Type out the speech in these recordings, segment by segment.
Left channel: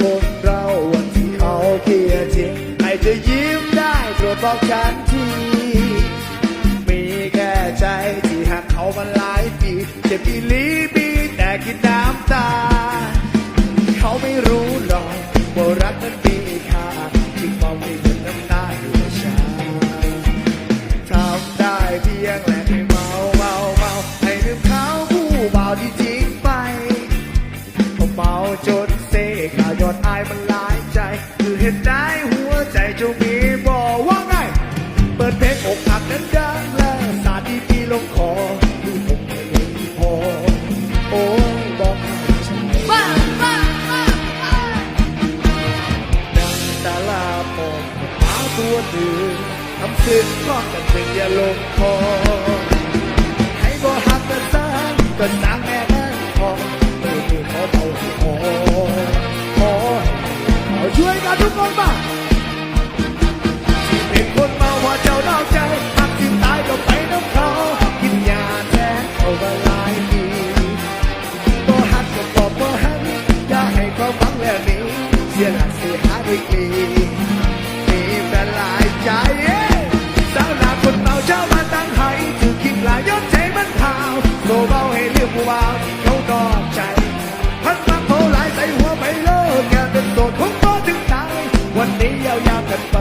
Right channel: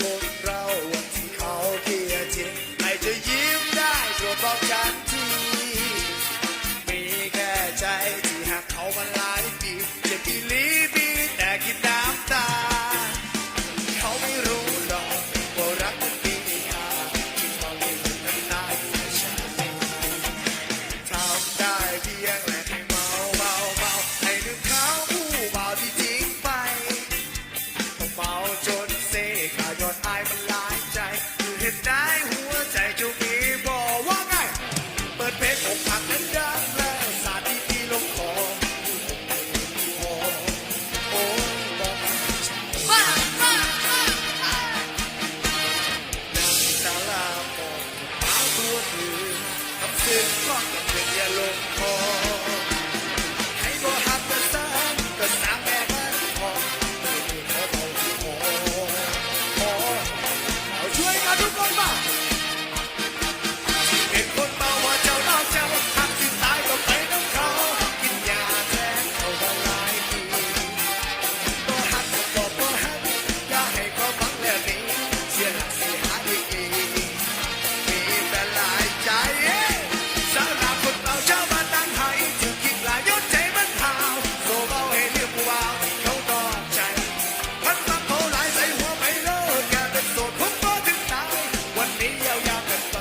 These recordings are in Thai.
คนเราวันที่เอาเกียร์จริงให้เธอยิ้มได้โปรดบอกฉันที มีแค่ใจที่หักเขามาหลายปีเจ็บอีลีบีแต่กินน้ำตา เขาไม่รู้หรอกว่ารักนั้นมีค่าที่มองไม่เห็นน้ำตาอยู่ในชาทำได้เพียงแหละให้เมาเมาเมาให้ลืมเขาผู้บ่าวที่ ซขายอดอายมันหลายใจ คือเห็นได้หัวใจเจะมีบอกว่าไง เปิดเพลงอกหักนั้นดังแล้วสาดดีดีๆลงคอดูผมไม่เห็นพอโอ้บอกให้ฉันบ้าบ้าบ้าบ้าดังตาลาปองหมาตัวหนึ่งทำศึกก็กันเป็นยาลงคอ ไม่มีมีแต่หลายใจสาวนาคนเมาเช้ามาตังไห้ถือคิดหลายยศใจมันเทาโซเบาให้เรียกผู้บาที่เขาดอกใจ พันมาโผล่หลายใส่หัวไปเลิกกาเป็นโสดคงก็ถึงตาย วันนี้ยาวๆกันไป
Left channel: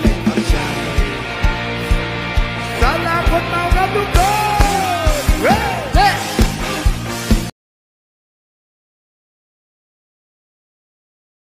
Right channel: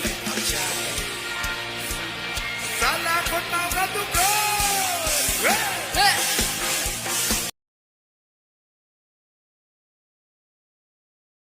เล่นเอาใจสาวนาคนเมาครับทุกคน